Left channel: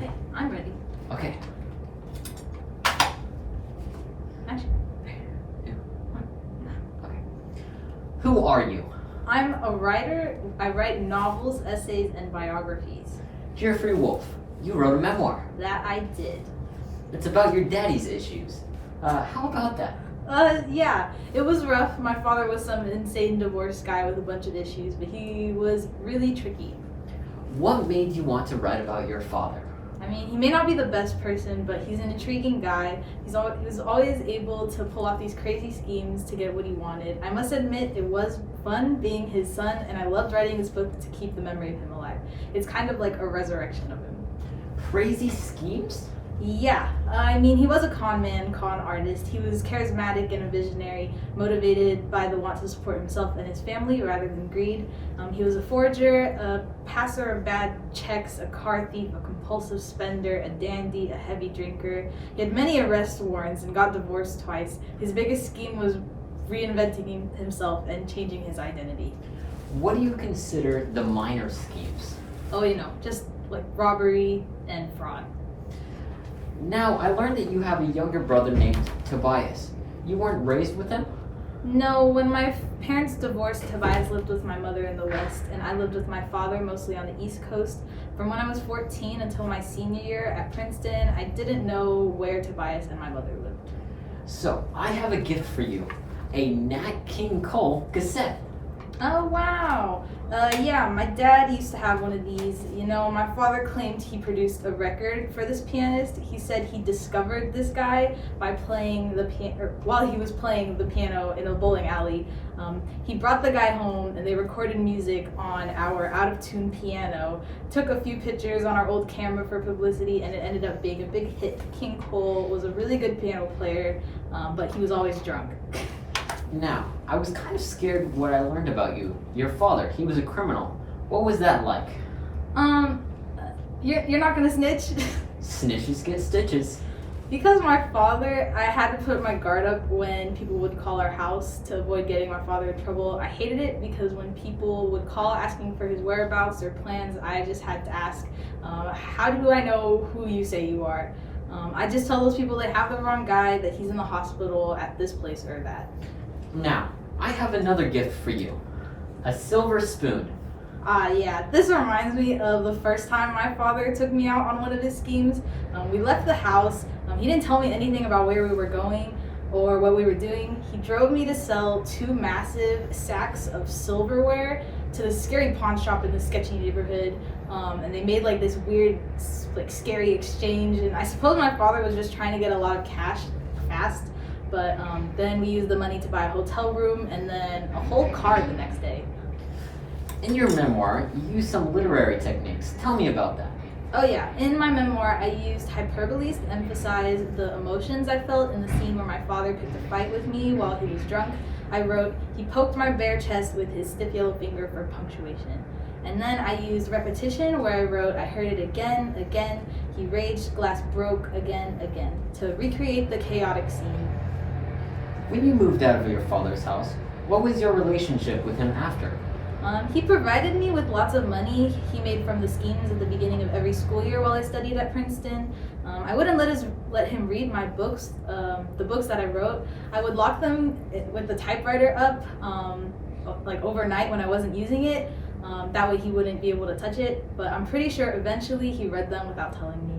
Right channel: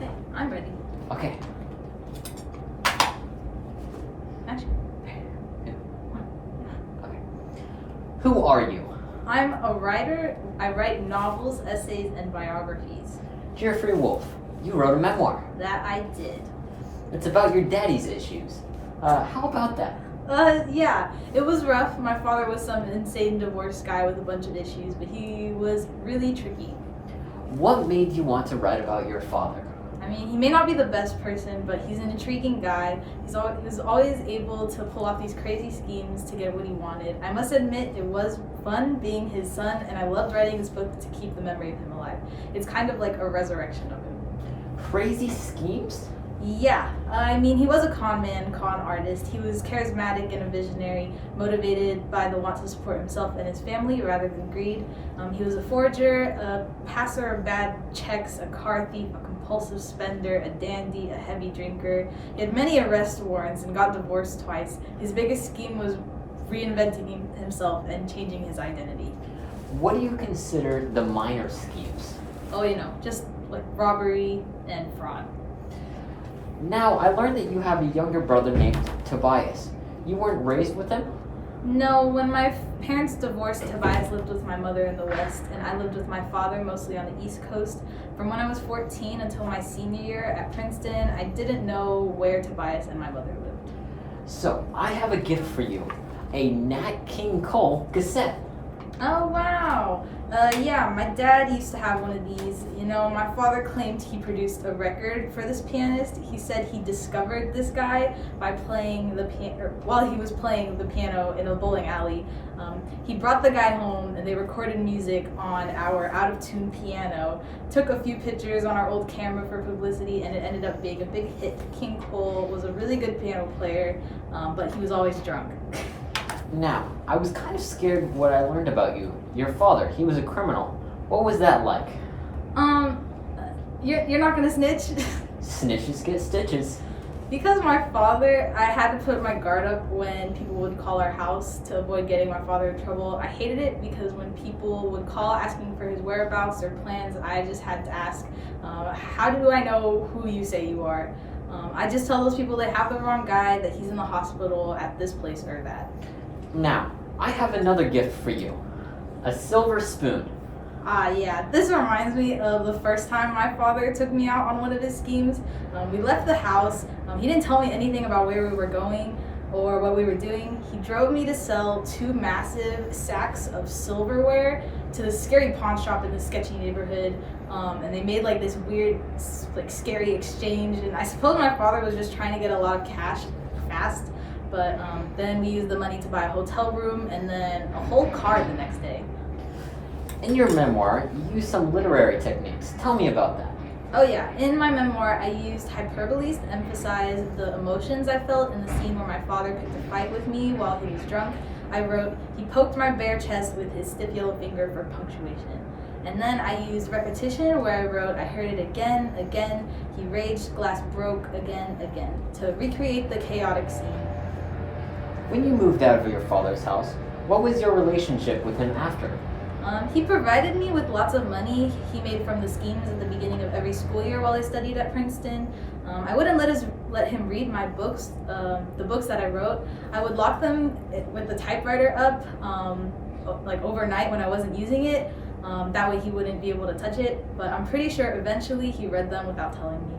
Okay, I'm ready. Okay. Action. Okay. Who are you? I'm a writer. I write novels, essays, and biographies. Geoffrey Wolff. You wrote a memoir. That I did. It's about your daddy's issues. How about that? Yeah, it was rough. My father was some insane divorce guy with a bunch of issues, but he was really tricky. What made you want to write about your father? I mean, he may not be the best person, but he's an intriguing guy. He was always able to pull off these crazy schemes to get what he wanted. I must admit, it was fun being his son, and I loved writing this book to keep the memory of him alive. It's kind of like a resurrection of him. Crazy schemes? Yeah, I mean, he was a con man, con artist. He was charismatic and a visionary, motivated by the want to support himself and his family rather than greed. He was a forger, a passer of bad checks, a car thief, a compulsive spender, a dandy, a heavy drinker. He had many arrest warrants and got divorced twice. His biggest scheme was reinventing himself and changing his identity. What do you consider the minor schemes? Oh, just like robbery and fraud. Now, I learned that you have a younger brother named Tobias. You weren't raised with him? No, when my parents divorced, Tobias lived with my mother in the West, and I lived with my father mostly on the East Coast. From when I was 14 until my senior year at Princeton, I didn't know where Tobias and my mother lived. So, I have a gift for you. A Nat King Cole cassette. Oh, wow. Yeah, my dad used to have one of these. My father claimed he produced a record for this pianist. He said he discovered this guy by playing the piano, while he was playing the piano in a bowling alley. He brought the guy home and they recorded music on our out-of-tune piano, took a few pictures on our old camera for publicity, and it ended up being a big hit. King Cole was a really good piano player, but he was always drunk. Now, I was kind of scared of what I learned about you. Your father, he was a criminal. What was that like? You're not gonna snitch? Snitches get stitches. Because my father, I had to put my guard up when people would call our house to avoid getting my father in trouble. I hated it because when people would call asking for his whereabouts or plans, I just had to ask, how do I know who you say you are? I just tell those people they have the wrong guy, that he's in the hospital at this place or that. Now, I have another gift for you. A silver spoon. Yeah, this reminds me of the first time my father took me out on one of his schemes. We left the house. He didn't tell me anything about where we were going or what we were doing. He drove me to sell 2 massive sacks of silverware to the scary pawn shop in the sketchy neighborhood. And they made like this weird, like scary exchange. And I suppose my father was just trying to get a lot of cash fast. But then we used the money to buy a hotel room and then a whole car the next day. In your memoir, you use some literary techniques. Tell me about that. Oh yeah, in my memoir, I used hyperboles to emphasize the emotions I felt in the scene where my father picked a fight with me while he was drunk. I wrote, he poked my bare chest with his stiff yellow finger for punctuation. And then I used repetition where I wrote, I heard it again, again, he raged, glass broke, again, again, to recreate the chaotic scene. When you moved out of your father's house, what was your relationship with him after? He provided me with lots of money he made from the schemes at the beginning of every school year while I studied at Princeton. I wouldn't let him read my books, the books that I wrote. I would lock them with the typewriter up, like overnight when I wasn't using it. That way he wouldn't be able to touch it. But I'm pretty sure eventually he read them without telling me.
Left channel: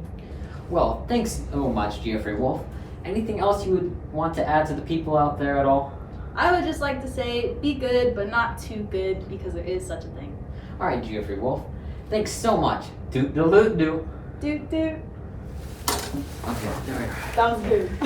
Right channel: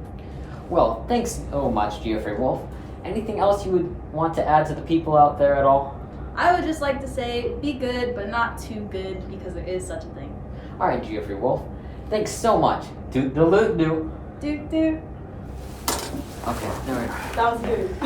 Well, thanks so much, Geoffrey Wolff. Anything else you would want to add to the people out there at all? I would just like to say, be good, but not too good, because there is such a thing. All right, Geoffrey Wolff. Thanks so much. Doot the loot do. Doot doot. Okay, there we go. That was good.